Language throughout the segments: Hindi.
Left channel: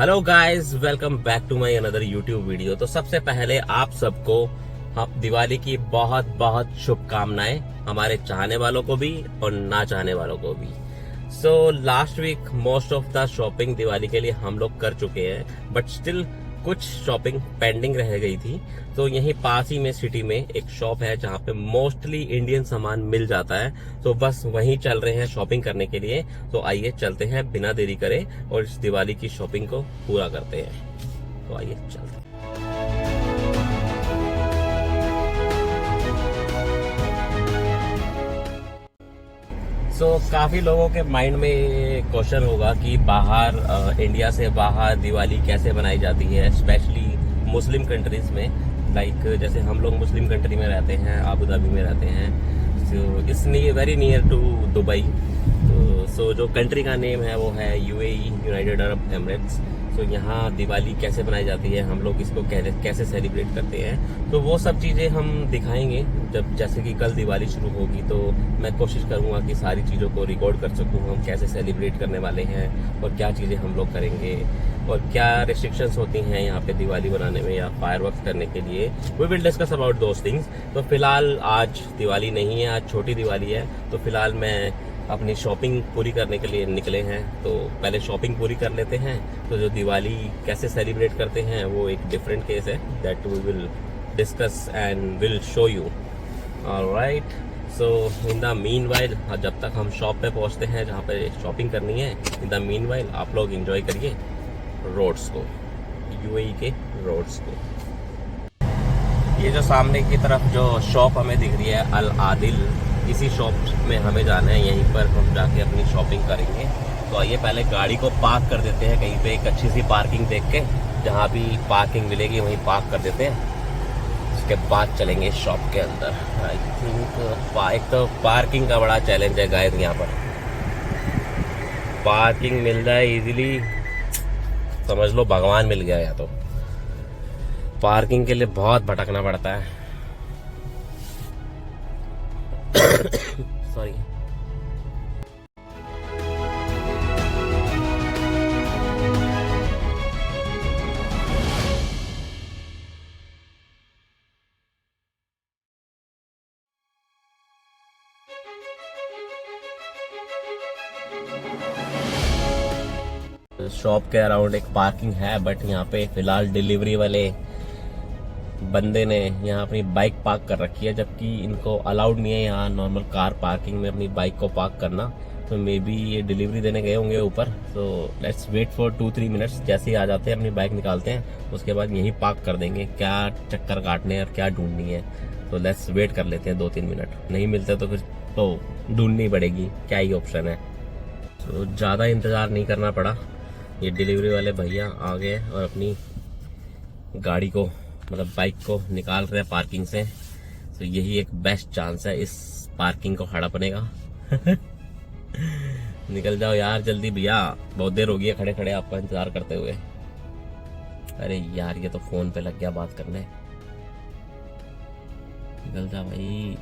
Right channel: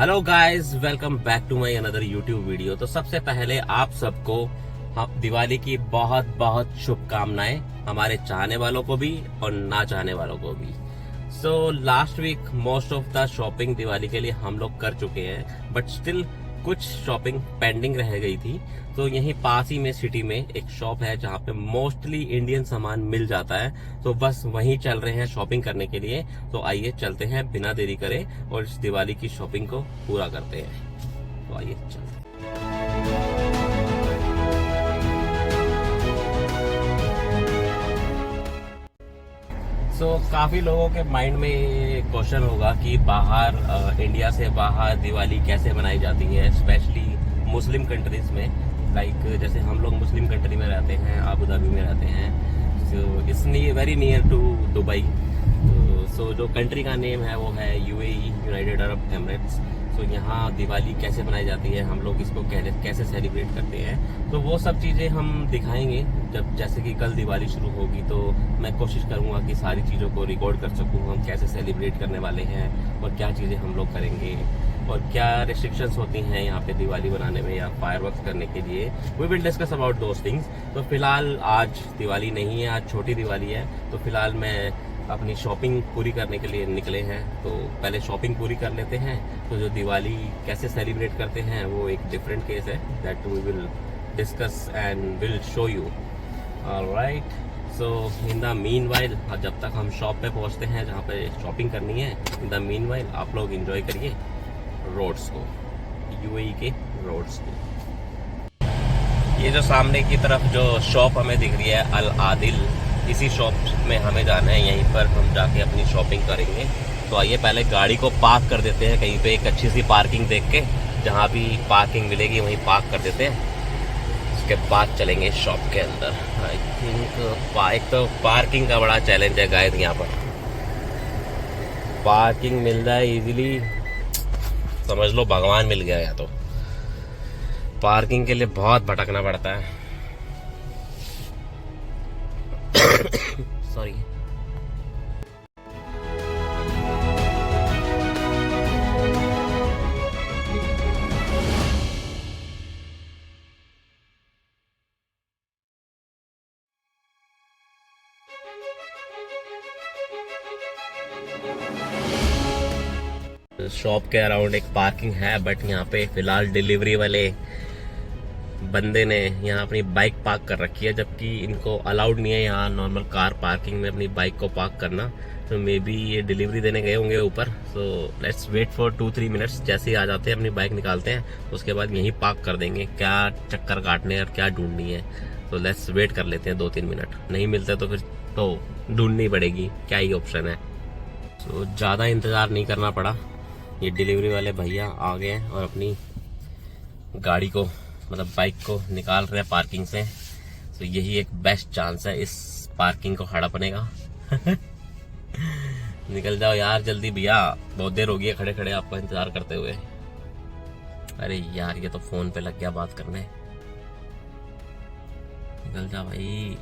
Hello guys, welcome back to my another YouTube video. तो सबसे पहले आप सबको दिवाली की बहुत बहुत शुभकामनाएं, हमारे चाहने वालों को भी और ना चाहने वालों को भी। So last week most of the shopping Diwali के लिए हम लोग कर चुके हैं, बट स्टिल कुछ शॉपिंग पेंडिंग रह गई थी। तो यहीं पास ही में सिटी में एक शॉप है जहाँ पे मोस्टली इंडियन सामान मिल जाता है, तो बस वहीं चल रहे हैं शॉपिंग करने के लिए। तो आइए चलते हैं बिना देरी करे और इस दिवाली की शॉपिंग को पूरा करते हैं। तो आइए चलते हैं। काफी लोगों के माइंड में क्वेश्चन होगा कि बाहर इंडिया से बाहर दिवाली कैसे मनाई जाती है, स्पेशली मुस्लिम कंट्रीज में। लाइक जैसे हम लोग मुस्लिम कंट्री में रहते हैं, अबू धाबी में रहते हैं। So it's very near to Dubai. So जो कंट्री का नेम है वो है यूएई, यूनाइटेड अरब एमिरेट्स। तो यहाँ दिवाली कैसे मनाई जाती है, हम लोग इसको कैसे सेलिब्रेट करते हैं, तो वो सब चीजें हम दिखाएंगे। जब जैसे कि कल दिवाली शुरू होगी तो मैं कोशिश करूंगा कि सारी चीजों को रिकॉर्ड कर सकूं, हम कैसे सेलिब्रेट करने वाले हैं और क्या चीजें हम लोग करेंगे और क्या रिस्ट्रिक्शंस होती हैं यहाँ पे दिवाली बनाने में या फायरवर्क्स करने के लिए। We will discuss about those things. तो फिलहाल आज दिवाली नहीं है, आज छोटी दिवाली है। तो फिलहाल मैं अपनी शॉपिंग पूरी करने के लिए निकले हैं, तो पहले शॉपिंग पूरी कर लेते हैं। तो जो दिवाली कैसे सेलिब्रेट करते हैं वो एक डिफरेंट केस है, that we will discuss and will show you. Alright, so in the meanwhile, जब तक हम शॉप पे पहुंचते हैं जहाँ पे शॉपिंग करनी है, इन द मीनवाइल आप लोग एंजॉय करिए रोड्स को, यूएई के रोड्स को। ये जो सामने की तरफ जो शॉप हमें दिख रही है अल आदिल, इसी शॉप में हमें जाना है। यहीं पर हम जाके अपनी शॉपिंग करेंगे। तो आइए पहले गाड़ी को पार्क कर देते हैं कहीं पे, एक अच्छी सी पार्किंग देख के, जहाँ भी पार्किंग मिलेगी वहीं पार्क कर देते हैं। उसके बाद चलेंगे शॉप के अंदर। आई थिंक एक तो पार्किंग का बड़ा चैलेंज है गाइस, यहाँ पर पार्किंग मिल जाए इजीली समझ लो भगवान मिल गया। या तो पार्किंग के लिए बहुत भटकना पड़ता है। सॉरी। शॉप के अराउंड एक पार्किंग है, बट यहाँ पे फिलहाल डिलीवरी वाले बंदे ने यहाँ अपनी बाइक पार्क कर रखी है, जबकि इनको अलाउड नहीं है यहाँ नॉर्मल कार पार्किंग में अपनी बाइक को पार्क करना। तो मे बी ये डिलीवरी देने गए होंगे ऊपर। So let's wait for 2-3 minutes. जैसे ही आ जाते हैं अपनी बाइक निकालते हैं, उसके बाद यहीं पार्क कर देंगे। क्या चक्कर काटने और क्या ढूंढनी है, तो लेट्स वेट कर लेते हैं 2-3 मिनट। नहीं मिलते तो फिर तो ढूंढनी पड़ेगी, क्या ही ऑप्शन है। तो ज़्यादा इंतज़ार नहीं करना पड़ा, ये डिलीवरी वाले भैया आ गए और अपनी गाड़ी को मतलब बाइक को निकाल रहे हैं पार्किंग से। तो यही एक बेस्ट चांस है इस पार्किंग को हड़पने का। निकल जाओ यार जल्दी भैया, बहुत देर हो गई है खड़े खड़े आपका इंतजार करते हुए। अरे यार ये तो फोन पे लग गया बात करने। निकल जा भाई।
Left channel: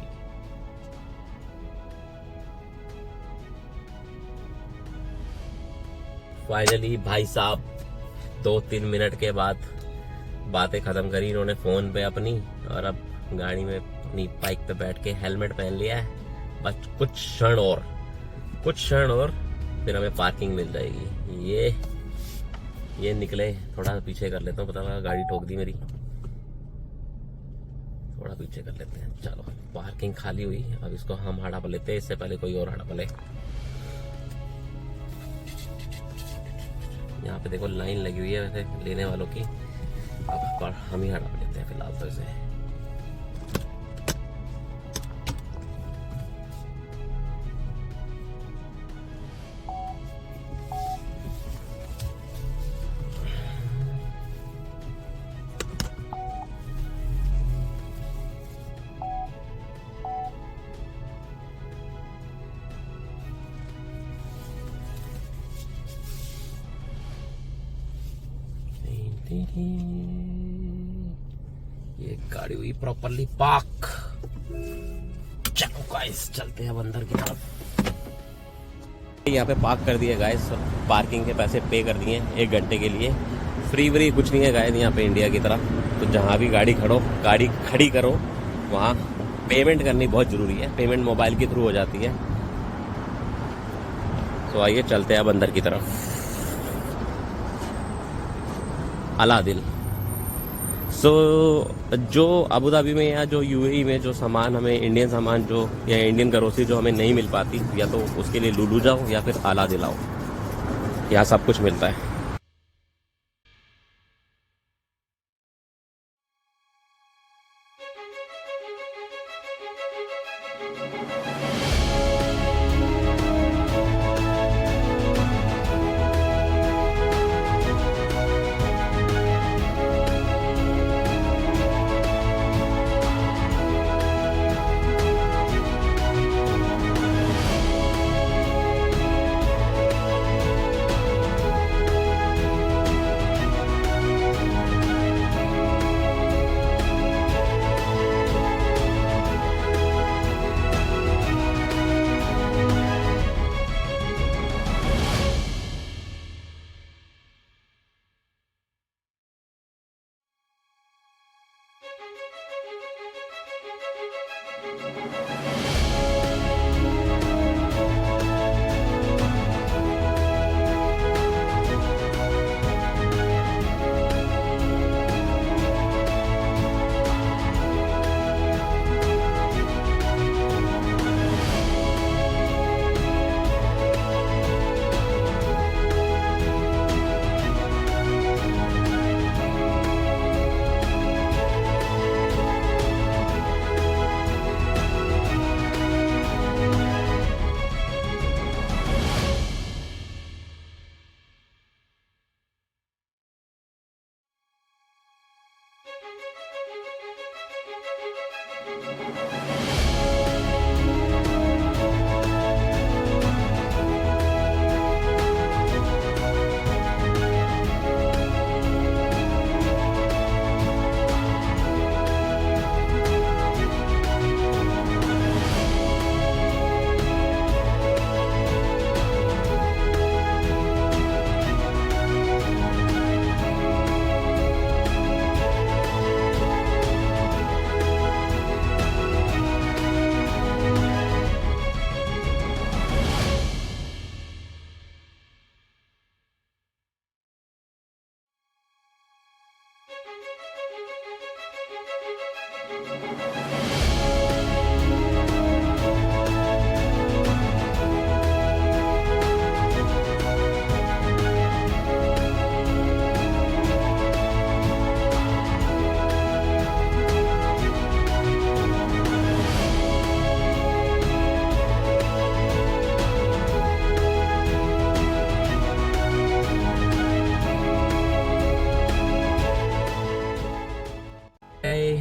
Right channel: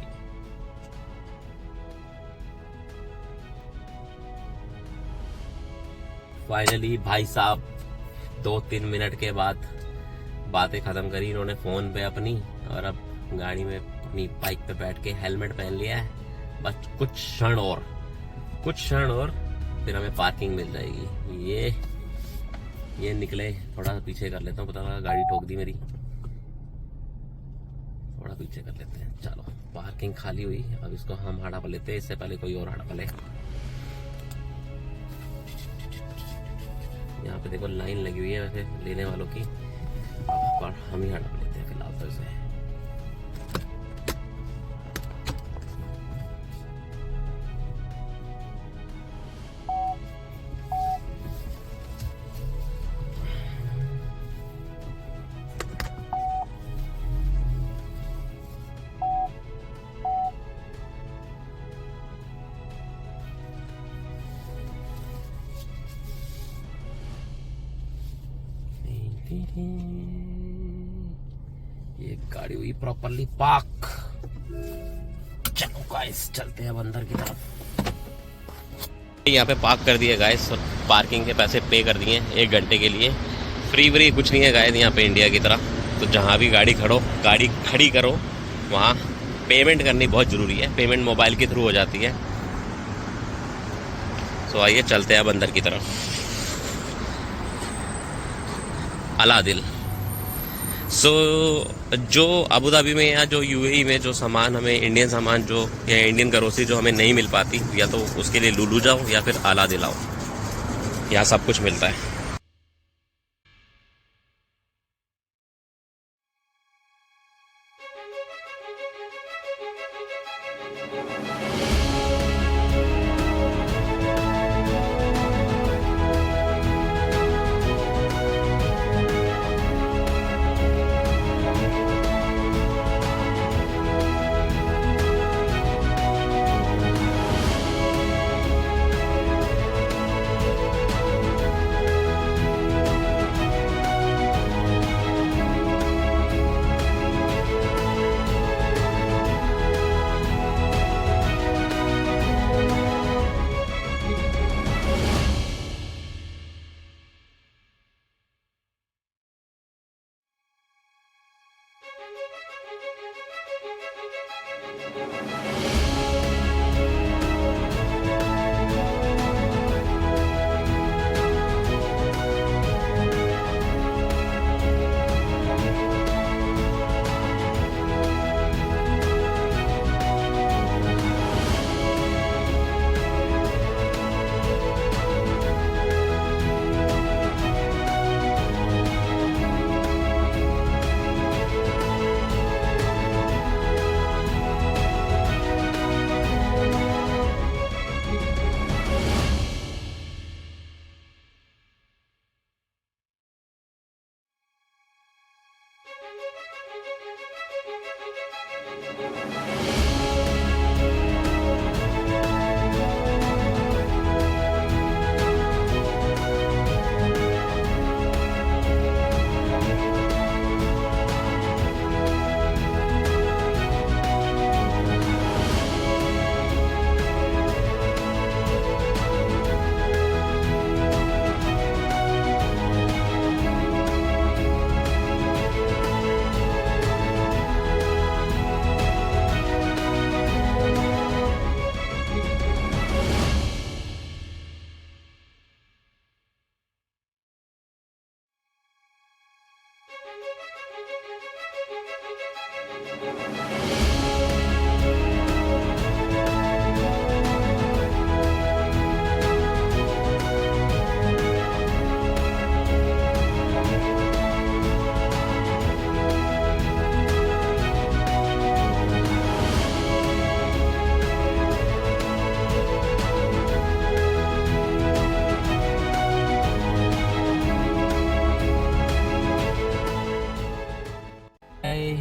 फाइनली भाई साहब 2-3 मिनट के बाद बातें खत्म करी इन्होंने फोन पे अपनी, और अब गाड़ी में अपनी बाइक पे बैठ के हेलमेट पहन लिया है। बस कुछ क्षण और फिर हमें पार्किंग मिल जाएगी। ये निकले, थोड़ा पीछे कर लेता हूँ, पता लगा गाड़ी ठोक दी मेरी। थोड़ा पीछे कर लेते हैं। चलो पार्किंग खाली हुई, अब इसको हम हड़प लेते हैं, इससे पहले कोई और हड़प ले। यहाँ पे देखो लाइन लगी हुई है वैसे लेने वालों की, अब हम ही हड़प लेते हैं फिलहाल तो इसे। ये गाड़ी हुई प्रॉपरली पार्क। चलो गाइस चलते हैं अब अंदर की तरफ। यहाँ पे पार्क कर दिया गाइस, और पार्किंग के पैसे पे कर दिए 1 घंटे के लिए। फ्री व्री कुछ नहीं है गाइस यहाँ पे इंडिया की तरह। तो जहाँ भी गाड़ी खड़ी करो वहाँ पेमेंट करनी बहुत ज़रूरी है। पेमेंट मोबाइल के थ्रू हो जाती है। तो आइए चलते हैं अब अंदर की तरफ। अलादिल। सो जो अबू धाबी में या जो यूएई में जो सामान हमें इंडियन सामान जो या इंडियन ग्रोसरी जो हमें नहीं मिल पाती, या तो उसके लिए लुलु जाओ या फिर अलादिल आओ, यहाँ सब कुछ मिलता है।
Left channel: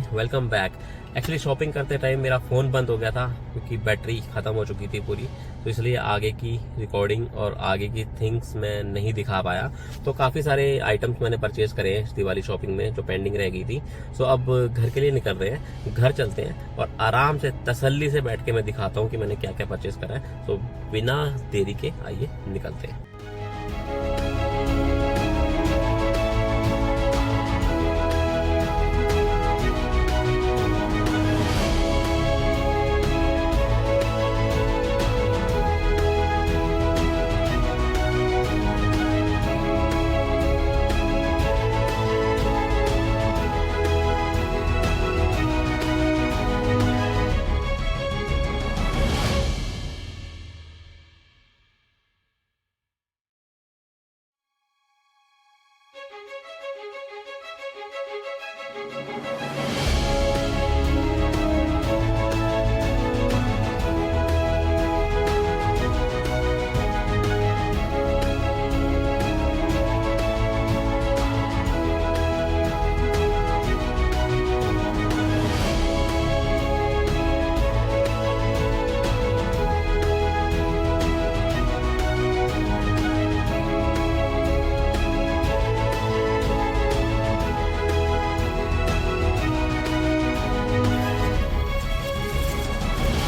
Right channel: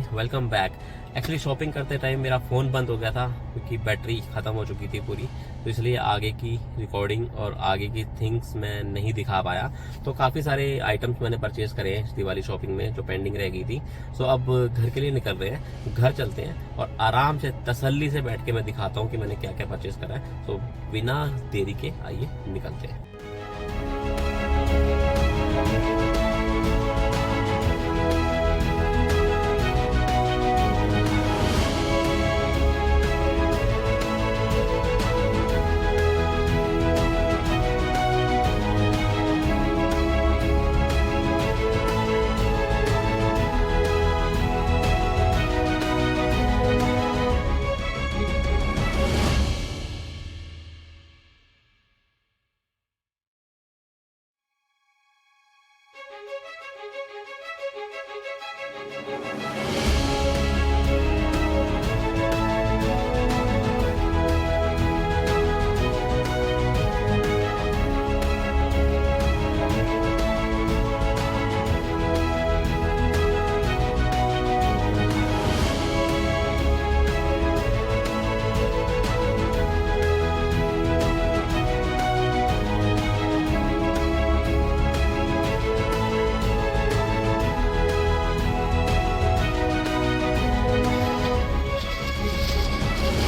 Welcome back. एक्चुअली शॉपिंग करते टाइम मेरा फ़ोन बंद हो गया था क्योंकि बैटरी ख़त्म हो चुकी थी पूरी, तो इसलिए आगे की रिकॉर्डिंग और आगे की थिंग्स मैं नहीं दिखा पाया। तो काफ़ी सारे आइटम्स मैंने परचेज करे हैं इस दिवाली शॉपिंग में जो पेंडिंग रह गई थी। सो अब घर के लिए निकल रहे हैं, घर चलते हैं और आराम से तसल्ली से बैठ के मैं दिखाता हूँ कि मैंने क्या क्या परचेज करा है। तो बिना देरी के आइए निकलते हैं।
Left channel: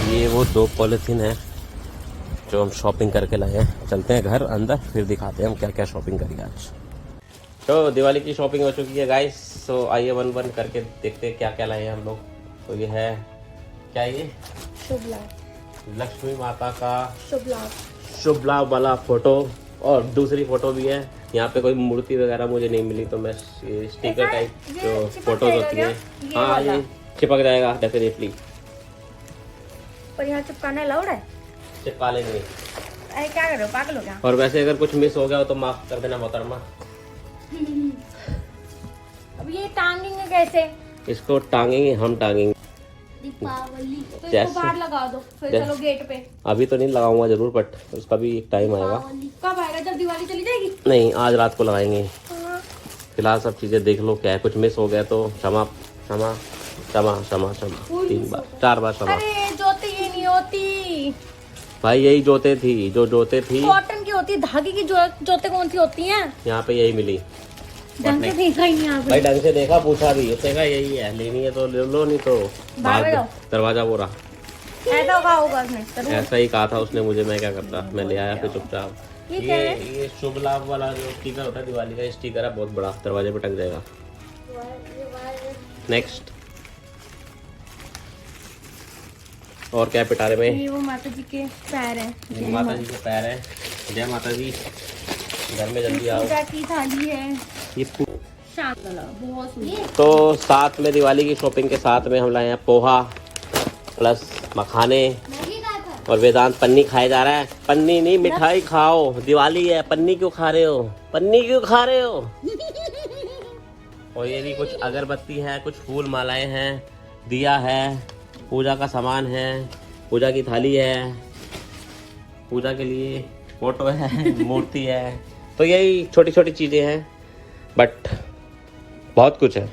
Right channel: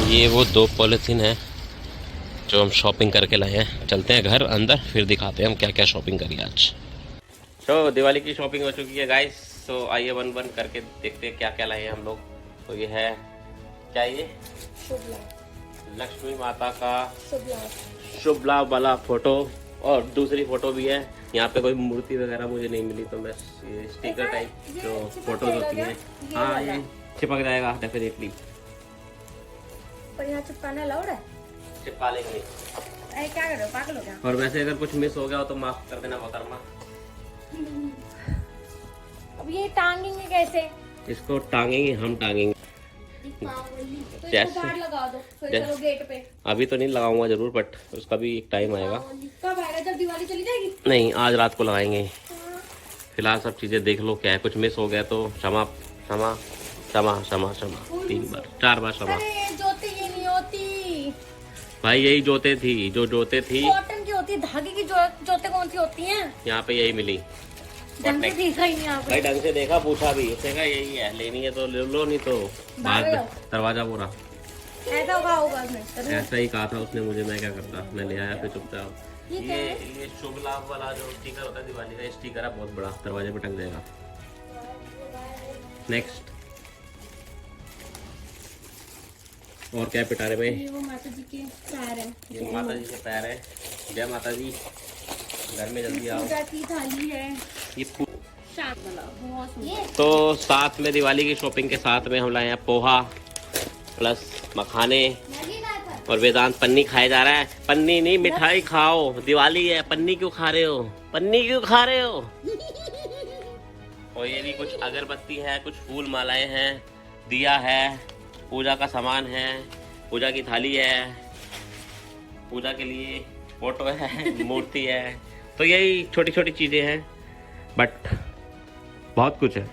ये वो 2 पॉलीथीन है जो हम शॉपिंग करके लाए हैं। चलते हैं घर अंदर, फिर दिखाते हैं हम क्या क्या शॉपिंग करी आज। तो दिवाली की शॉपिंग हो चुकी है गाइस। तो आइए वन वन करके देखते हैं क्या क्या लाए हैं हम लोग। तो ये है क्या, ये शुभ लाभ, लक्ष्मी माता का शुभ लाभ, शुभ लाभ वाला फोटो, और दूसरी फोटो भी है। यहाँ पे कोई मूर्ति वगैरह मुझे नहीं मिली, तो मैं स्टिकर टाइप जो फोटोज होती है, हाँ ये चिपक जाएगा डेफिनेटली। पर यहाँ चिपकाने अलाउड है? चिपका लेंगे। अरे क्या कर रहे हो, पागल हो क्या? और वैसे अगर कुछ मिस हो गया हो तो माफ कर देना मोहतरमा। अब ये टांगेंगे कैसे? इसको टांगेंगे, हम टांगेंगे दीपावली तो इसको जैसे- बाहर लगा दो, फिर चलो गेट पे। अभी तो नहीं लगाऊंगा जरूर, बट उसका भी एक टाइम आएगा। कब आएगा? जब दिवाली चली जाएगी? नहीं, आज रात को लगाएंगे। फिलहाल सब चीजें देख लो, क्या है कुछ मिस हो गया तो क्षमा क्षमा क्षमा क्षमा क्षमा, 3 बार 4 बार क्षमा। अरे जोते ये नहीं होती भाई, यही जोते थी जो जोते थी, कॉटन की होती है, धागे की जोते कौन सी होती हैं? यहाँ पे यही मिली। ढंग से देख रही हैं भाई ढंग से देखा, पूछा भी, उसने कहा यही है, लेनी है तो ले लो, नहीं तो भाग जाओ। दरवाजा बोरा। ऐसा होगा उसने जरूर। ऐसा ही कहा था उसने मुझे, मैं क्या करता, मैं ले आया फिर चुपचाप। ये क्या है? ये शुभ लाभ वाला जो स्टिकर होता है दिवाली का, स्टिकर है बहुत बड़ा, दरवाजे पे टंग जाएगा। नेक्स्ट, और क्या पिटारे में? ये वो माता जी के पैर है, ये माता जी के पैर है। जय माता जी, घर में जल्दी आओ। पूजा की थाली है, ये शाम वाला बहुत सुंदर। तो साथ में दिवाली की शॉपिंग के साथ में हम लाए हैं पोहा प्लस मखाने, और वेदांत पन्नी खाया जा रहा है। पन्नी नहीं, मिठाई खाओ, दिवाली है, पन्नी क्यों खा रहे हो, पन्नी क्यों खा रहे हो? और ये भी कुछ अगरबत्ती है, कुछ फूल मालाएं हैं, दिया है, पूजा का सामान है, पूजा की थाली है, पूजा के लिए फोटो है, मूर्ति है, तो यही छोटी छोटी चीजें हैं, बट बहुत कुछ है।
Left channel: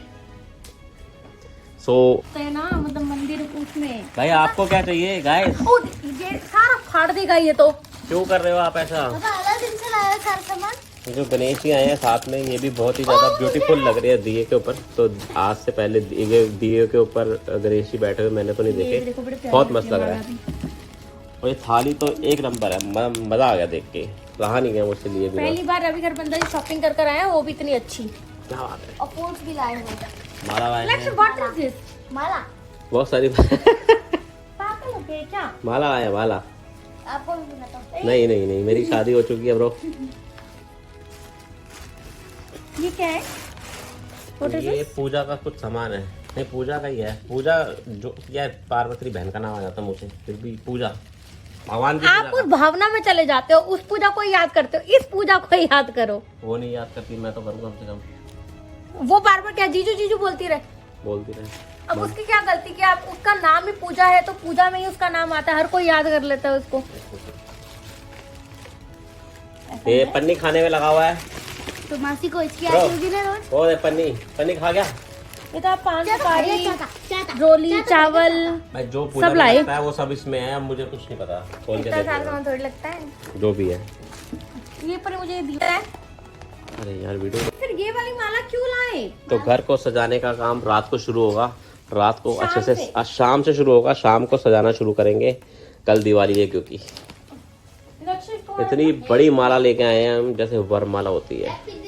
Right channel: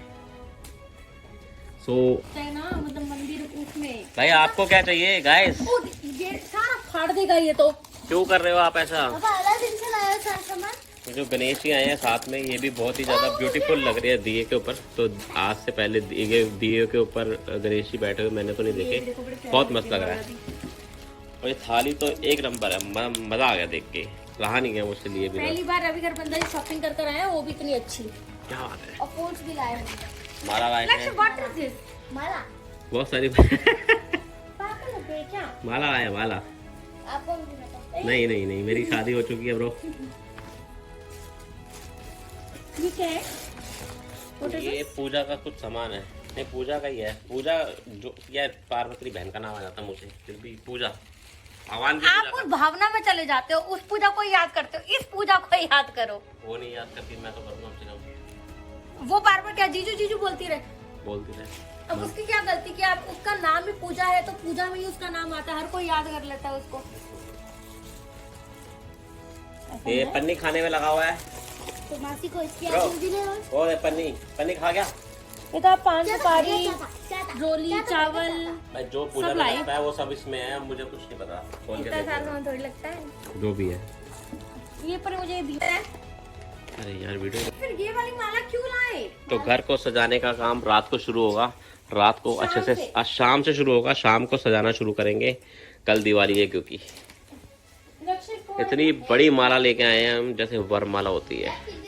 सो है ना, मतलब मंदिर उसमें। भाई आपको क्या चाहिए गाइस? ओ, ये सारा फाड़ देगा ये तो। क्यों कर रहे हो आप ऐसा? अलग दिन से लाया सारा सामान। ये जो गणेश जी आए हैं साथ में, ये भी बहुत ही ज्यादा ब्यूटीफुल लग रहे हैं दिए के ऊपर। तो आज से पहले ये दिए के ऊपर गणेश जी बैठे हुए मैंने तो नहीं देखे, बहुत मस्त लग रहा है। और ये थाली तो एक नंबर है, मजा आ गया देख के, रहा नहीं गया मुझसे लिए बिना। पहली बार रवि गरबंदा जी शॉपिंग कर कर आए हैं, वो भी इतनी अच्छी। क्या बात है। और पोर्ट्स भी लाए हैं। माला लाए हैं, व्हाट इज दिस? माला। बहुत सारी पागल हो गए क्या? माला आया, माला। आपको भी मिला था? नहीं नहीं नहीं, मेरी शादी हो चुकी है ब्रो। ये क्या है? ये पूजा का कुछ सामान है। नहीं, पूजा का ही है। पूजा जो क्या, पार्वती बहन का नाम आ जाता है मुझे, फिर भी पूजा भगवान की आप पूजा उस भावना में चले जाते हो, उस पूजा को याद करते हो, इस पूजा को याद करो। वो नहीं याद करती, मैं तो करूँगा कम से कम। वो बार बार क्या जीजू जीजू बोलती रहे, बोलती रहे। अब उसकी क्या गलती कि आप, उसका नाम ही पूजा है तो पूजा में ही उसका नाम आता है, हर कोई याद कर लेता है उसको। ये पन्नी खाने में लगा हुआ है। तो मासी को इसकी ब्रो, आती होगी ना रोज। और ये पन्नी पन्नी खा गया। ये तो आप पान सुपारी, रोली, चावल, भाई जो पूजा सब में लाए। लगता है वो सब इसमें है, अब मुझे कुछ नहीं पता। खोल के इतना देख सारा लेना। सामान थोड़ी लगता है। जो भी है। ये पर मुझे दिया है। अरे यार वीडियो। फिर ये वाली माला क्यों लाए? तो घर को सजाने का काम रात को शुरू होगा, रात को शाम अच्छे से से। आज शाम से शुरू होगा, शाम को सजाना शुरू करेंगे। कल दिवाली है क्योंकि इतनी बड़ी माला लेके आए हैं हम, जैसे वरमाला होती है।